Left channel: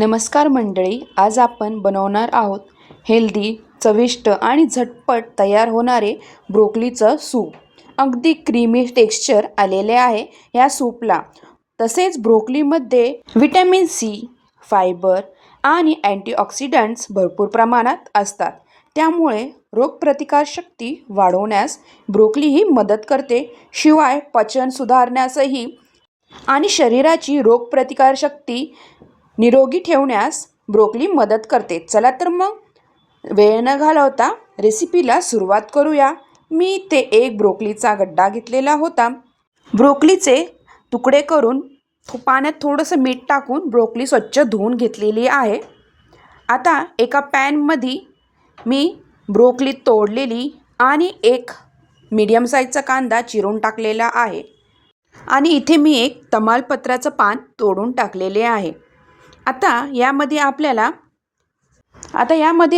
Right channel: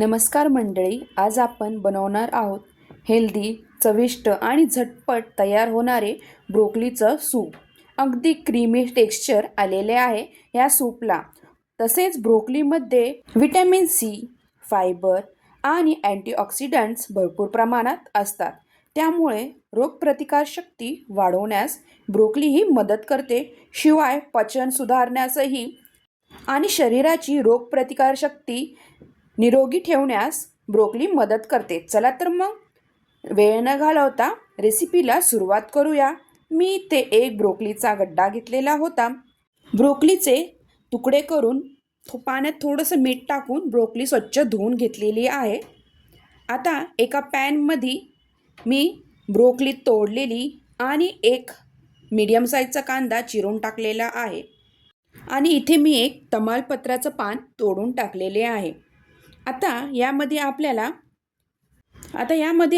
नमस्कार मंडळी, आज आपण बनवणार आहोत हेल्दी, चविष्ट आणि झटपट तयार होणारे ब्रोकलीचं सूप. अगदी क्रीमी टेक्स्चर आलेले आहे या सूपला. तसेच ब्रोकलीमध्ये व्हिटॅमिन सी, फायबर आणि अँटीऑक्सिडंट्स भरपूर प्रमाणात असतात. त्यामुळे रोगप्रतिकारशक्ती वाढवण्यास ब्रोकली ही मदत करते. शिवाय पचन सुधारण्यासही आणि शरीराची रोगप्रतिकारशक्ती निरोगी ठेवण्यास ब्रोकली मदत करते. चला तर मग वेळ न घालवता रेसिपीला सुरुवात करूया. मी इथे एक ब्रोकलीचा गड्डा घेतलेला होता. ब्रोकलीचे तुकडे करून पाण्यात थोडंसं मीठ टाकून ब्रोकली स्वच्छ धुवून घेतलेली आहे. आता एका पॅनमध्ये मी ब्रोकली तोडलेली आणि एक मीडियम साईजचा कांदा चिरून टाकलेला आहे आणि इथे मी एक तमालपत्राचं पान तोडून टाकलेले आहे. आता यामध्ये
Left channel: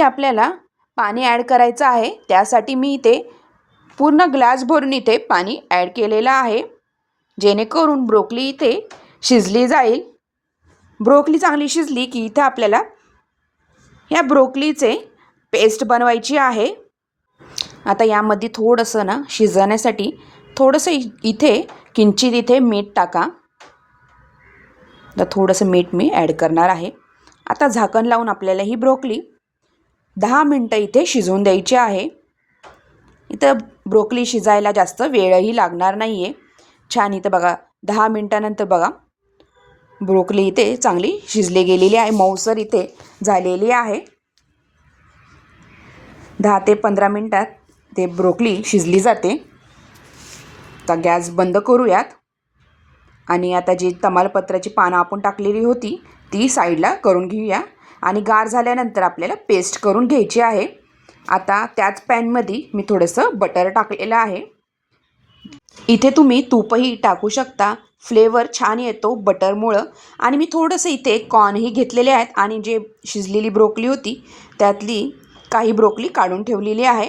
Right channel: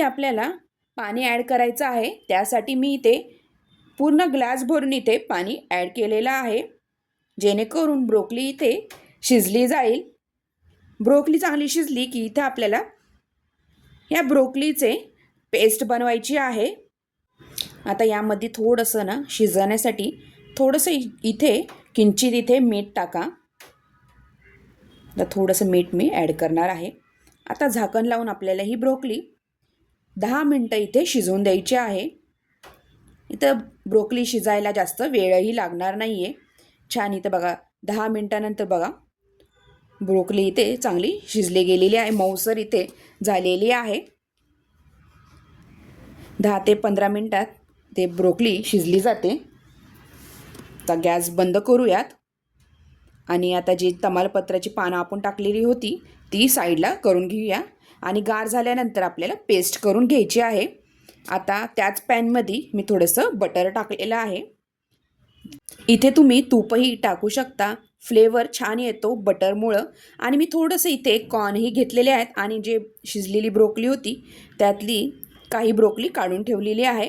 आपल्याला पाणी ॲड करायचं आहे. त्यासाठी मी इथे पूर्ण ग्लास भरून इथे पाणी ॲड केलेलं आहे, जेणेकरून ब्रोकली इथे शिजली जाईल. ब्रोकली चांगली शिजली की इथे आपल्याला या ब्रोकलीचे पेस्ट बनवायची आहे. आता यामध्ये थोडंसं शिजवण्यासाठी थोडंसं इथे किंचित इथे मीठ टाका. तर थोडंसं मीठ मी ॲड करणार आहे. आता झाकण लावून आपल्याला ही ब्रोकली 10 मिनटं इथे शिजवून द्यायची आहे. इथं ब्रोकली शिजायला जास्त वेळही लागणार नाही आहे. छान इथं बघा 10 मिनटानंतर बघा ब्रोकली इथे चांगली शिजली गेलेली आहे, मऊसर इथे झालेली आहे. 10 ते 15 मिनटात ते ब्रोकली शिजली जाते. आता गॅस बंद करूयात आणि आता जी तमालपत्राची पानं आपण टाकलेली होती ती साईडला करून घेऊया आणि गार झाल्यानंतर आपल्याला पेस्ट करून घ्यायची आहे. आता त्याच पॅनमध्ये मी थोडंसं बटर टाकलेलं आहे. इथे तुम्ही तूपही टाकू शकता, फ्लेवर छान येतो बटरमुळं. आणि मी थोडंसं इथे कॉर्नही घेतलेले आहेत आणि जे शिजलेली ब्रोकली होती त्यातली काही ब्रोकली काढून ठेवलेली आहे.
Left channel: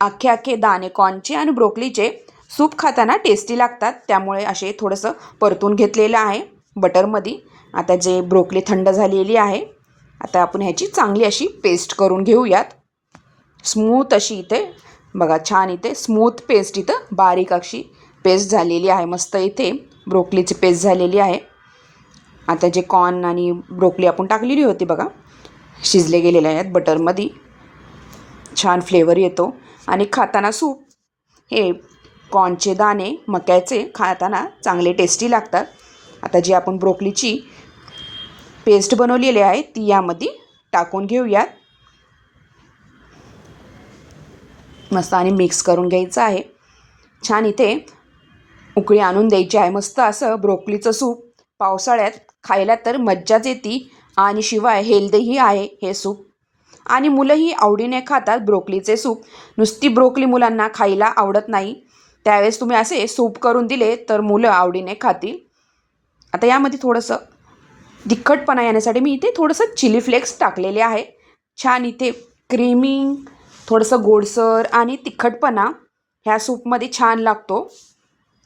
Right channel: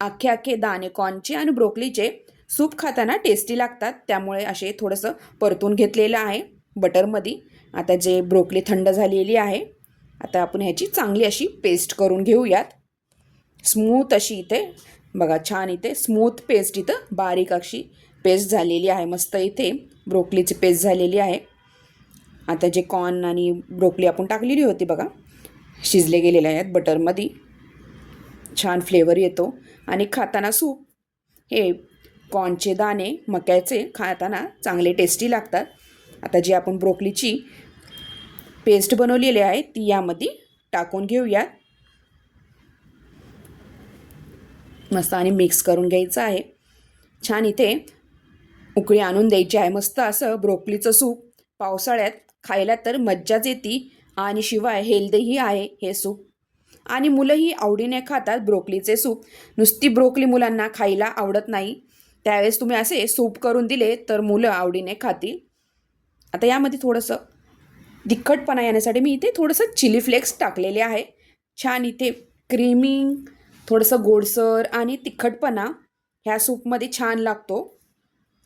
अख्खे दाणे कॉर्नचे आणि ब्रोकलीचे सूप खाताना टेस्टी लागतात, त्यामुळे असे थोडंसं परतून घेतलेलं आहे बटरमध्ये. आता जे ब्रोकली थंड झालेली आहे, आता आपण ह्याची चांगली अशी पेस्ट करून घेऊयात. स्मूथ अशी इथे बघा, छान इथे स्मूथ पेस्ट इथं बारीक अशी पेस्ट झालेली आहे. मस्त इथे ब्रोकलीची पेस्ट झालेली आहे. आता जे कॉर्न आणि ब्रोकली आपण टाकलेली होती बघा, शिजले गेलेले आहेत बटरमध्ये. छान फ्लेवर येतो आणि खाताना सूप हे कॉर्नचे दाणे मक्याचे खाताना चांगले टेस्टी लागतात. आता जी आपण ब्रोकलीची पेस्ट बनवलेली आहे ती यामध्ये टाकून घेऊयात. मस्त आणि मिक्स करून घ्यायचं आहे. छान इथे उकळी आणून द्यायची आहे. मस्त असं ब्रोकलीचं सूप पावसाळ्यात खायला तर मज्जाच येते आणि शिवाय हेल्दीही आहे हे सूप आणि मुलंही आवडीने खातात ब्रोकलीचे सूप. नुसती ब्रोकली मुलांना खायला आवडत नाही, त्यावेळेस तुम्ही असे सूप करून दिले तर मुलं आवडीने खातील. आता यामध्ये थोडंसं तिखटपणा येण्यासाठी मी इथे थोडंसं चिली फ्लेक्स टाकलेले आहे. छान इथे क्रीमी, थोडंसं गोडसर आणि तिखटपणा ह्या सूपमध्ये छान लागतो,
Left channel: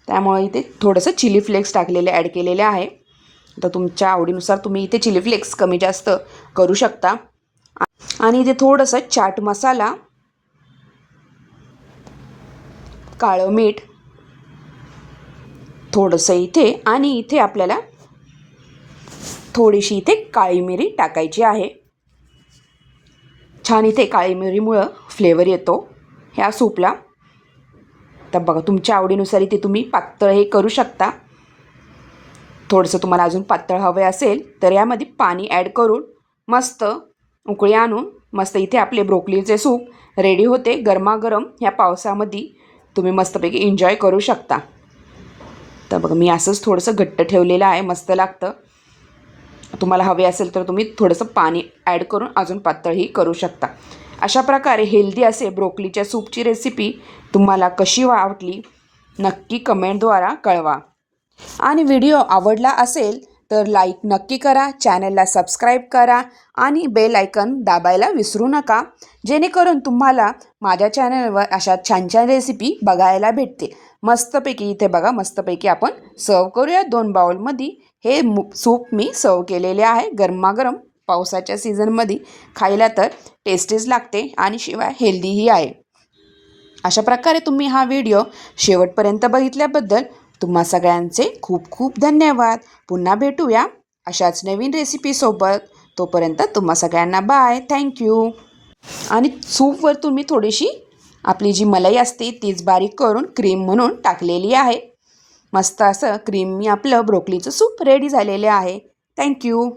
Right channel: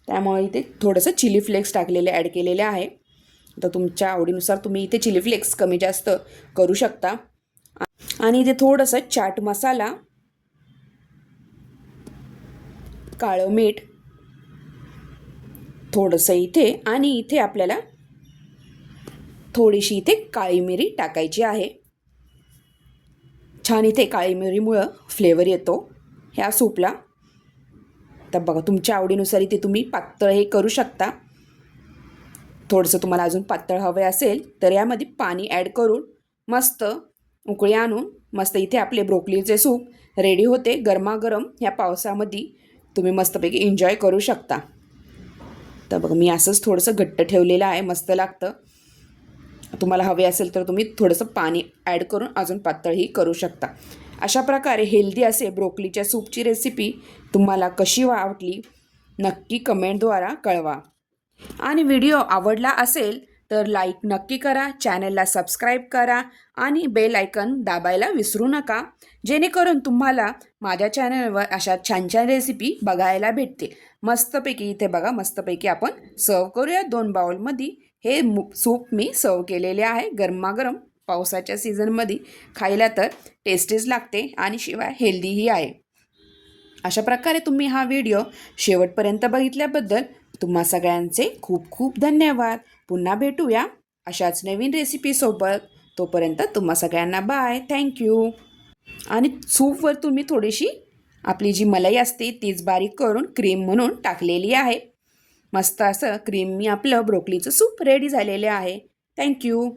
त्यामुळे इथे थोडंसं चिली फ्लेक्स टाकलेले ॲड केलेले आहे. आता तुमच्या आवडीनुसार तुम्ही इथे चिली फ्लेक्स कमी जास्त करू शकता. आणि इथे थोडंसं चाट मसाला, काळं मीठ थोडंसं इथे आणि इथे आपल्याला थोडीशी इथे काळी मिरी टाकायची आहे. छान इथे काळी मिरीमुळं फ्लेवर येतो ह्या सूपला. तर बघा तुमच्या आवडीनुसार इथे तुम्ही पातळ हे करू शकता. थोडंसं तुम्हाला अजून पातळ हवे असेल तर यामध्ये पाणी ॲड करून मस्त उकळी आणून मस्त इथे आपले ब्रोकलीचे सूप रेडी होते. गरमागरम ह्या पावसामध्ये तुम्ही मस्तपैकी एन्जॉय करू शकता. तर बघा मी असंच थोडंसं घट्ट ठेवलेलं आहे, मस्त लागतं. तुम्हाला हवे असेल तर तुम्ही थोडंसं पाणी ॲड करून अजून पातळही करू शकता. अशा प्रकारे हेल्दी असे ब्रोकलीच्या सूपची रेसिपी तुम्हाला कशी वाटली नक्की कमेंटद्वारा कळवा. आणि व्हिडिओ आवडला असेल तर लाईक नक्की करा, चॅनलला सबस्क्राईब करा आणि बेल आयकन दाबायला विसरू नका, जेणेकरून तुम्हाला माझ्या चॅनलवर अशा छान छान रेसिपी बघायला भेटतील. मस्तपैकी इथे बघा, मस्तपैकी आपण सर्व करूया 2 बाउलमध्ये हे सूप मी सर्व केलेले आहे गरमागरम. पावसाच्या सीझनमध्ये खायला तर टेस्टीच लागते आणि शिवाय हेल्दीही आहे. अशा प्रकारे तुम्ही हा व्हिडिओ शेवटपर्यंत बघितल्याबद्दल तुम्हा सगळ्यांचे खूप खूप धन्यवाद. पुन्हा भेटूया अशाच नवीन रेसिपीसोबत. तोपर्यंत तुम्हा सगळ्यांना बाय. थँक्यू. आणि सूपवर तुम्ही थोडीशी आपली जी मलाई असते तीच बारीक करून क्रीम म्हणून टाकलेली आहे. मस्त असं क्रीमी आपलं ब्रोकलीचं सूप रेडी झालेले आहे. थँक्यू.